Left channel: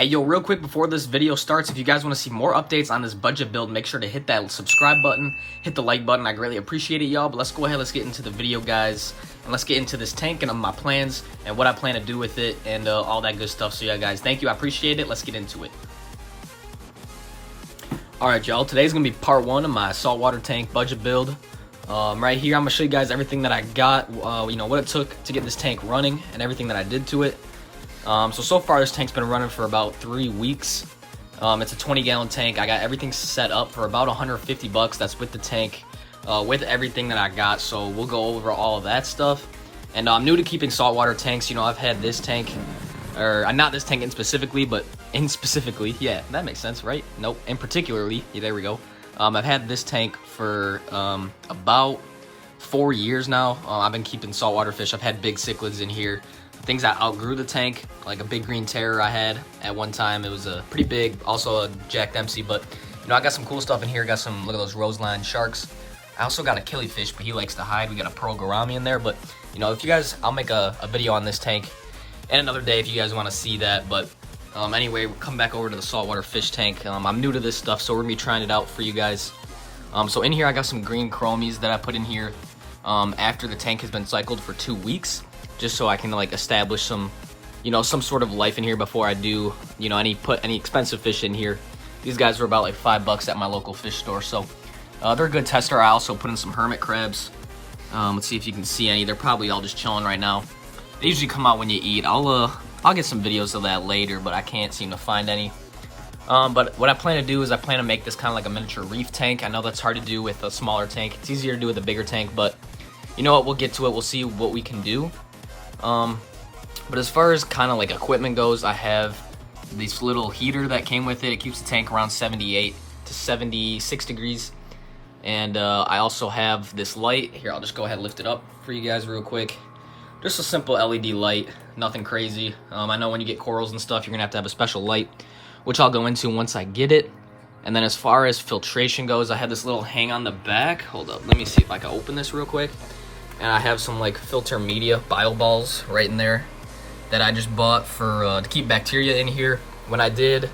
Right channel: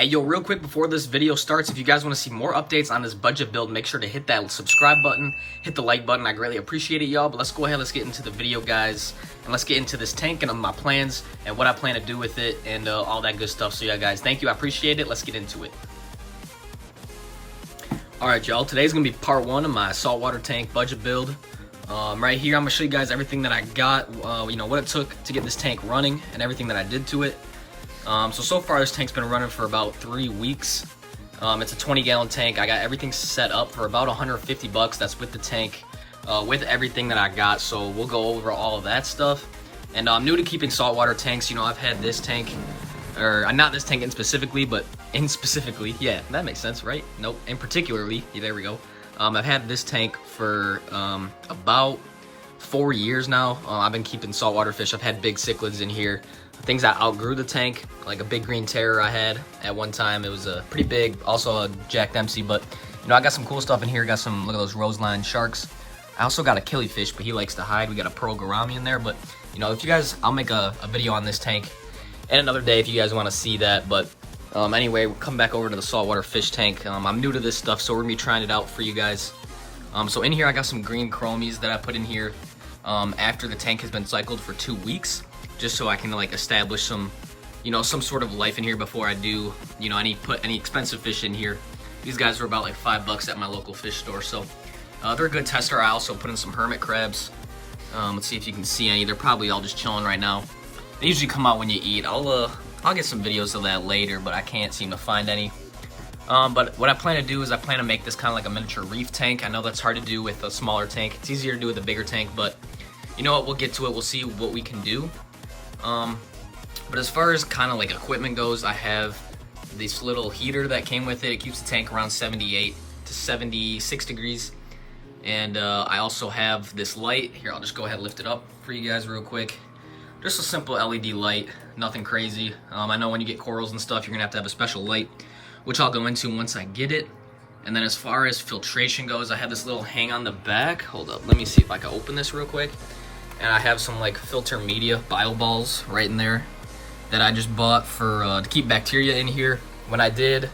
Hey, yo, real quick before this video starts, if you guys want to see more updates on this budget build, make sure to hit that subscribe button, hit the like button. I greatly appreciate it, y'all. But let's go ahead, let's get into the video, guys. And let's get into this tank and my plans and what I plan to do with it and all that good stuff. So, yeah, guys, thank you. I appreciate it. Let's get into it. All right, y'all. Today's going to be part one of my saltwater tank budget build. Right here, I'm going to show you guys everything that I got, you know, what it took to get this tank running and everything that I did to it. So far this tank's been running for about 3 weeks. It's a 20-gallon tank. I got everything set up for about 150 bucks. That's with the tank, with everything that I got. So we'll go over all of that stuff. And I'm new to keeping saltwater tanks. You know, I've had this tank, or not this tank in specifically, but in specifically, yeah, that makes sense, right? Nope, in particularly, yeah, there we go. I've had this tank for about 4 years now. I've been keeping saltwater fish. I've had big cichlids in here. Things that outgrew the tank, like a big green terror I had at one time. It was a pretty big, also a Jack Dempsey, but you know, I got some cool stuff in here. Got some, look at those roseline sharks. I also got a killifish, but he likes to hide. We got a pearl gourami in there, but you know, if you guys, I'll make a video on this tank and another day if you guys want to see that. But anyway, we'll come back over to the saltwater fish tank. I'm new to this stuff, so we're gonna be trying it out for you guys. So in here, I got some green chromies that I put in here after the tank has been cycled for 2 weeks. Just so I can like establish some, you know, some sort of life in here before I do, you know, put any expensive fish in here. These guys were about like $5 at my local fish store, so they're a good tester. I also put in some hermit crabs. Let's see if you can see any. They're probably all just chilling right now. They usually come out when you eat. I'll get some videos of that later, but I can't seem to find any. But what I plan to do is I plan to make this kind of like a miniature reef tank. I know that's hard to do with a smaller tank. It's easier to do with a bigger tank, but you know what? We'll get to it. We'll see what we can do. But as far as kind of like equipment goes, I have this little heater that came with it. It keeps the tank around 78 to 76 degrees. And I also have this light. Here, I'll just go ahead and lift it up for you guys real quick. Just a simple LED light, nothing crazy. I know when you get corals and stuff, you're gonna have to have a special light, which I'll go into once I get it. And then as far as filtration goes, I have this little hang on the back. Hold up, let me see if I can open this real quick. And I have some like filter media bio balls right in there that I just bought for to keep bacteria in here. When I did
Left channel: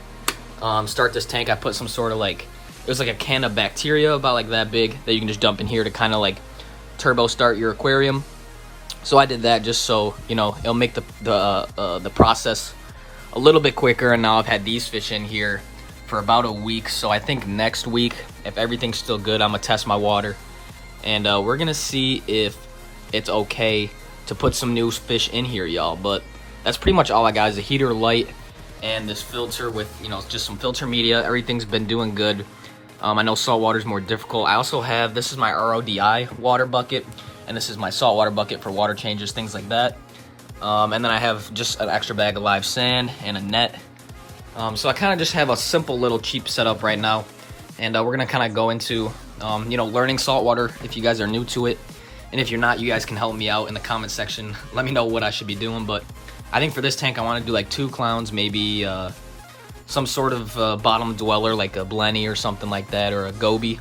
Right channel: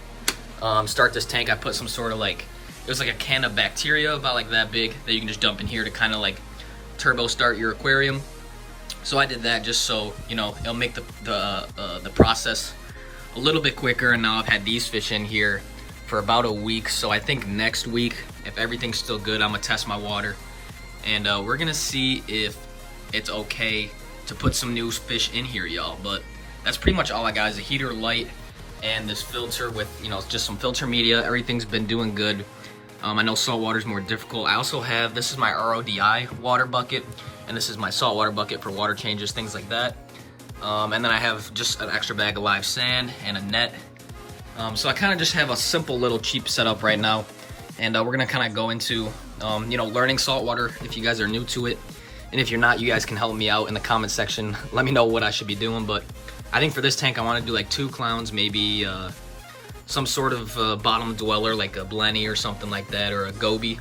start this tank, I put some sort of like, it was like a can of bacteria about like that big that you can just dump in here to kind of like turbo start your aquarium. So I did that just so, you know, it'll make the process a little bit quicker. And now I've had these fish in here for about a week. So I think next week, if everything's still good, I'm gonna test my water. And we're gonna see if it's okay to put some new fish in here, y'all. But that's pretty much all I got is a heater, light, and this filter with, you know, just some filter media. Everything's been doing good. I know saltwater is more difficult. I also have, this is my RODI water bucket, and this is my saltwater bucket for water changes, things like that. And then I have just an extra bag of live sand and a net. So I kind of just have a simple little cheap setup right now. And we're gonna kind of go into, you know, learning saltwater if you guys are new to it. And if you're not, you guys can help me out in the comment section. Let me know what I should be doing. But I think for this tank, I want to do like 2 clowns, maybe some sort of bottom dweller, like a blenny or something like that, or a goby.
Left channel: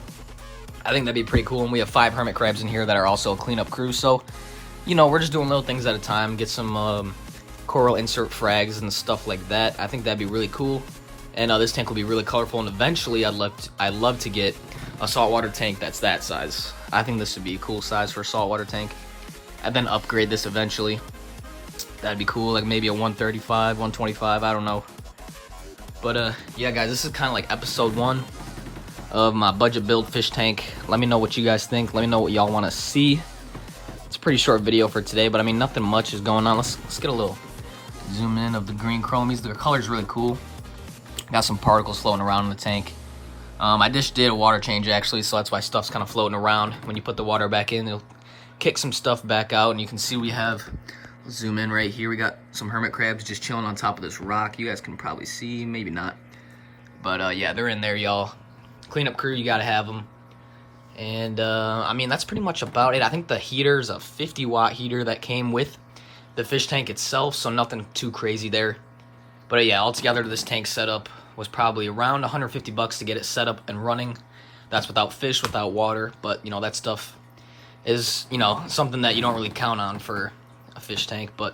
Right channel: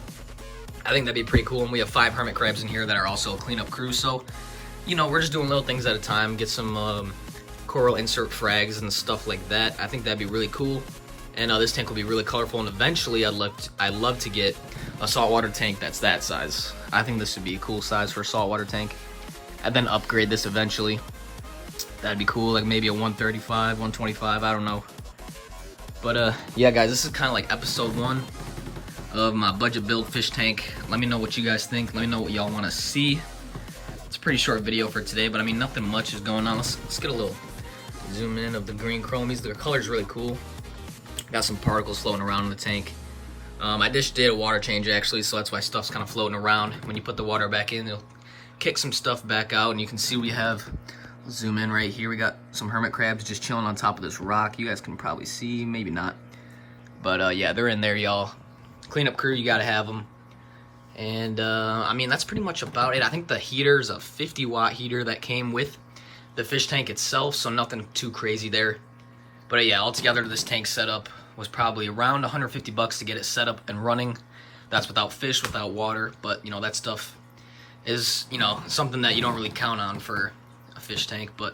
I think that'd be pretty cool. And we have 5 hermit crabs in here that are also a cleanup crew. So, you know, we're just doing little things at a time. Get some coral insert frags and stuff like that. I think that'd be really cool. And this tank will be really colorful. And eventually, I'd love to get a saltwater tank that's that size. I think this would be a cool size for a saltwater tank. And then upgrade this eventually. That'd be cool, like maybe a 135, 125, I don't know. But yeah, guys, this is kind of like episode 1 of my budget build fish tank. Let me know what you guys think. Let me know what y'all want to see. It's a pretty short video for today, but I mean, nothing much is going on. Let's get a little zoom in of the green chromies. Their color's really cool. Got some particles floating around in the tank. I just did a water change actually, so that's why stuff's kind of floating around. When you put the water back in, it'll kick some stuff back out, and you can see we have, zoom in right here, we got some hermit crabs just chilling on top of this rock. You guys can probably see, maybe not. But yeah, they're in there, y'all. Cleanup crew, you gotta have them. And I mean, that's pretty much about it. I think the heater's a 50-watt heater that came with the fish tank itself, so nothing too crazy there. But yeah, altogether this tank setup was probably around 150 bucks to get it set up and running. That's without fish, without water, but you know, that stuff is, you know, something that you don't really count on for a fish tank. But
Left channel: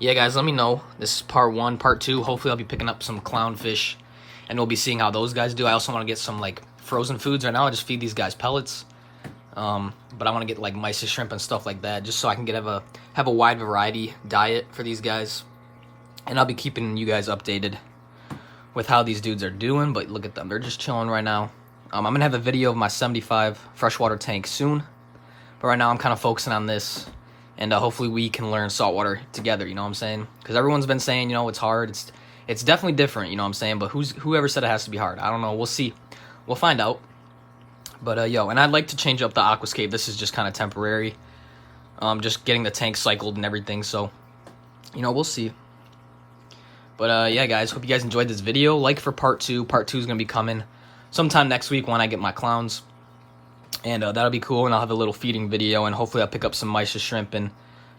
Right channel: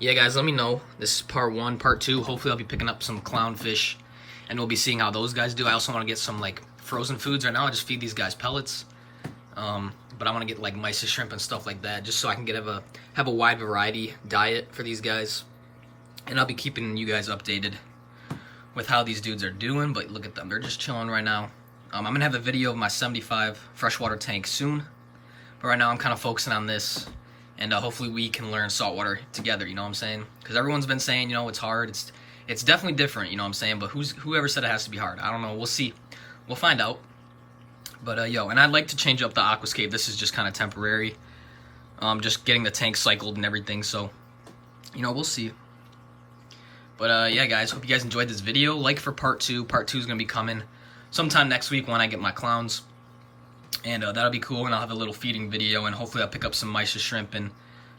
Yeah, guys, let me know. This is part 1. Part 2, hopefully I'll be picking up some clownfish, and we'll be seeing how those guys do. I also want to get some, like, frozen foods. Right now I just feed these guys pellets, but I want to get, like, mysis shrimp and stuff like that, just so I can have a wide variety diet for these guys. And I'll be keeping you guys updated with how these dudes are doing. But look at them, they're just chilling right now. I'm going to have a video of my 75 freshwater tank soon, but right now I'm kind of focusing on this. And hopefully we can learn saltwater together, you know what I'm saying? Because everyone's been saying, you know, it's hard. It's definitely different, you know what I'm saying? But whoever said it has to be hard? I don't know. We'll see. We'll find out. But, yo, and I'd like to change up the aquascape. This is just kind of temporary. Just getting the tank cycled and everything. So, you know, we'll see. But, yeah, guys, hope you guys enjoyed this video. Like for part 2. Part 2 is going to be coming sometime next week when I get my clowns. And that'll be cool, and I'll have a little feeding video, and hopefully I'll pick up some mysis shrimp and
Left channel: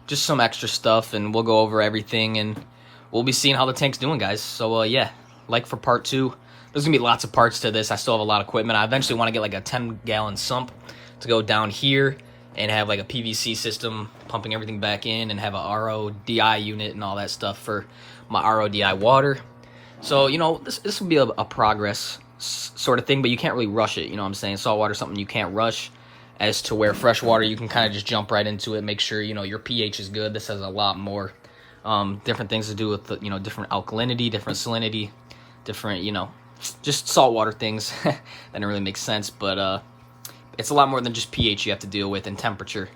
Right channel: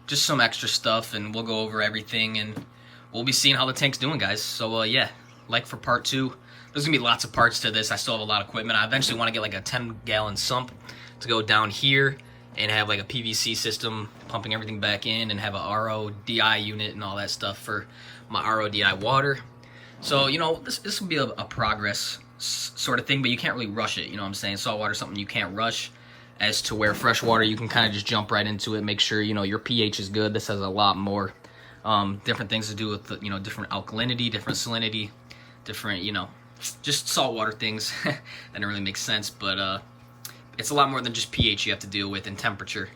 just some extra stuff, and we'll go over everything, and we'll be seeing how the tank's doing, guys. So, yeah, like for part 2. There's going to be lots of parts to this. I still have a lot of equipment. I eventually want to get, like, a 10-gallon sump to go down here and have, like, a PVC system pumping everything back in and have a RODI unit and all that stuff for my RODI water. So, you know, this will be a progress sort of thing, but you can't really rush it, you know what I'm saying? Saltwater is something you can't rush, as to where freshwater you can kind of just jump right into it, make sure, you know, your pH is good. This has a lot more different things to do with, you know, different alkalinity, different salinity, different, you know, just saltwater things. That didn't really make sense, but it's a lot more than just pH you have to deal with, and temperature.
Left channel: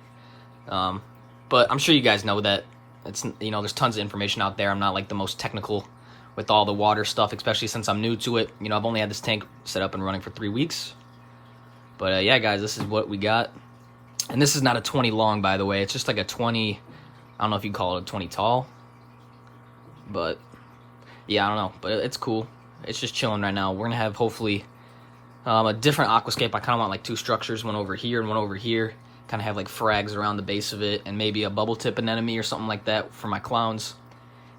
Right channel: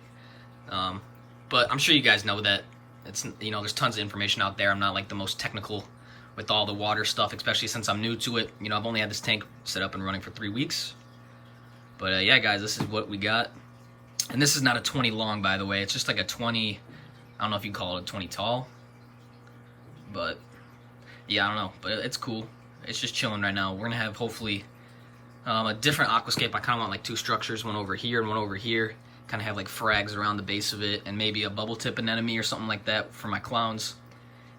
But I'm sure you guys know that it's, you know, there's tons of information out there. I'm not like the most technical with all the water stuff, especially since I'm new to it. You know, I've only had this tank set up and running for 3 weeks. But yeah, guys, this is what we got. And this is not a 20 long, by the way. It's just like a 20, I don't know if you can call it a 20 tall. But yeah, I don't know. But it's cool. It's just chilling right now. We're going to have, hopefully, a different aquascape. I kind of want like 2 structures, one over here and one over here. Kind of have like frags around the base of it, and maybe a bubble tip anemone or something like that for my clowns.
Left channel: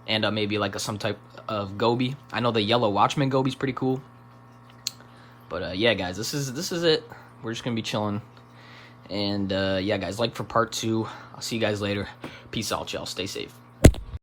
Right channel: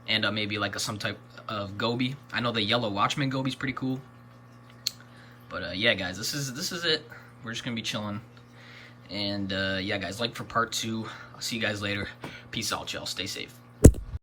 And maybe like some type of goby. I know the yellow watchman goby's pretty cool. But yeah, guys, this is it. We're just gonna be chilling. And yeah, guys, like for part 2. I'll see you guys later. Peace out, y'all. Stay safe.